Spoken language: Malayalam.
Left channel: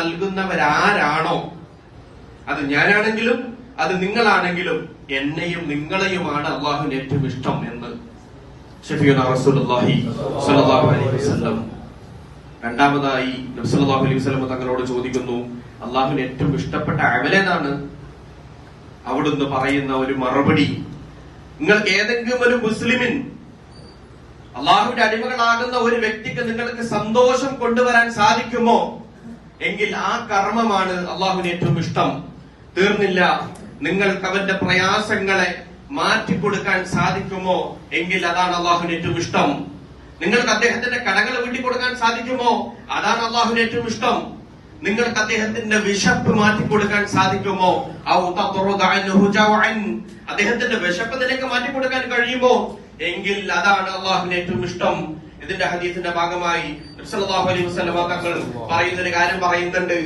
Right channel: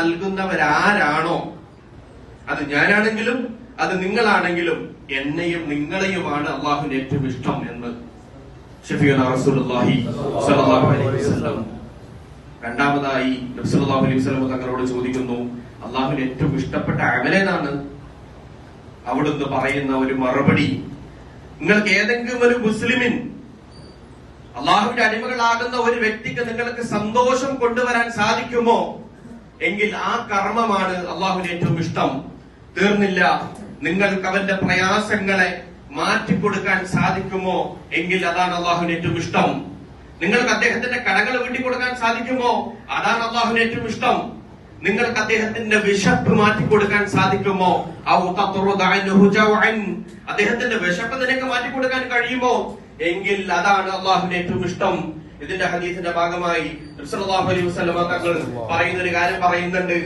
നൽകുന്നവരാരാണോ, അത് ഞാനാണെങ്കിലും അത് നിങ്ങളാണെങ്കിലും എന്നെയും നിങ്ങളെയുമാണ് അള്ളാഹുവിന് ഏറ്റവും ഇഷ്ടം എന്ന് ഷഫീഉനാ റസൂലുള്ളാഹി സ്വല്ലല്ലാഹു അലൈഹി വസല്ലം. രണ്ടാമതായി നബി സല്ലല്ലാഹു അലൈഹി വസല്ലം തങ്ങളോട് ചോദിക്കുന്നു, അള്ളാഹുവിന് ഏറ്റവും ഇഷ്ടപ്പെട്ട അമലേതാണ്? അവിടുന്ന് പറയുന്ന ഒരു മറുപടി, നിങ്ങൾക്ക് ഏതെങ്കിലും ഒരു മുസ്ലിമിൻ അള്ളാഹുവിന്റെ അടിമകളാകുന്ന ഒരു വ്യക്തിക്ക് നിങ്ങൾക്ക് സന്തോഷം കൊണ്ടുവരാൻ സാധിക്കുമോ എങ്കിൽ ആ കർമ്മമാണ് അള്ളാഹുവിന് ഏറ്റവും ഇഷ്ടം. തീർന്നില്ല, നിങ്ങൾക്ക് അവന്റെ പ്രയാസങ്ങളെ മാറ്റിക്കൊടുക്കാൻ സാധിക്കുമോ എങ്കിൽ അതാണ് അള്ളാഹുവിന് ഏറ്റവും ഇഷ്ടം. നിങ്ങൾക്ക് അദ്ദേഹത്തിന്റെ കടകൾ വീട്ടിക്കൊടുക്കാൻ സാധിക്കുമോ, അതാണ് അള്ളാഹുവിന് ഏറ്റവും ഇഷ്ടം. നിങ്ങൾക്ക് അദ്ദേഹത്തിന്റെ വിശപ്പ് മാറ്റിക്കൊടുക്കാൻ സാധിക്കുമോ, അദ്ദേഹത്തിന്റെ വിശപ്പ് നിനക്ക് മാറ്റിക്കൊടുക്കാൻ കഴിയുമോ എങ്കിൽ അതാണ് അള്ളാഹുവിന് ഏറ്റവും ഇഷ്ടം. ഇതിന്റെ ഹദീസിന്റെ ഭാഗമായി നബി സല്ലല്ലാഹു അലൈഹി വസല്ലം തങ്ങൾ പറയുന്ന ഒരു കാര്യം പറയുന്നുണ്ട്.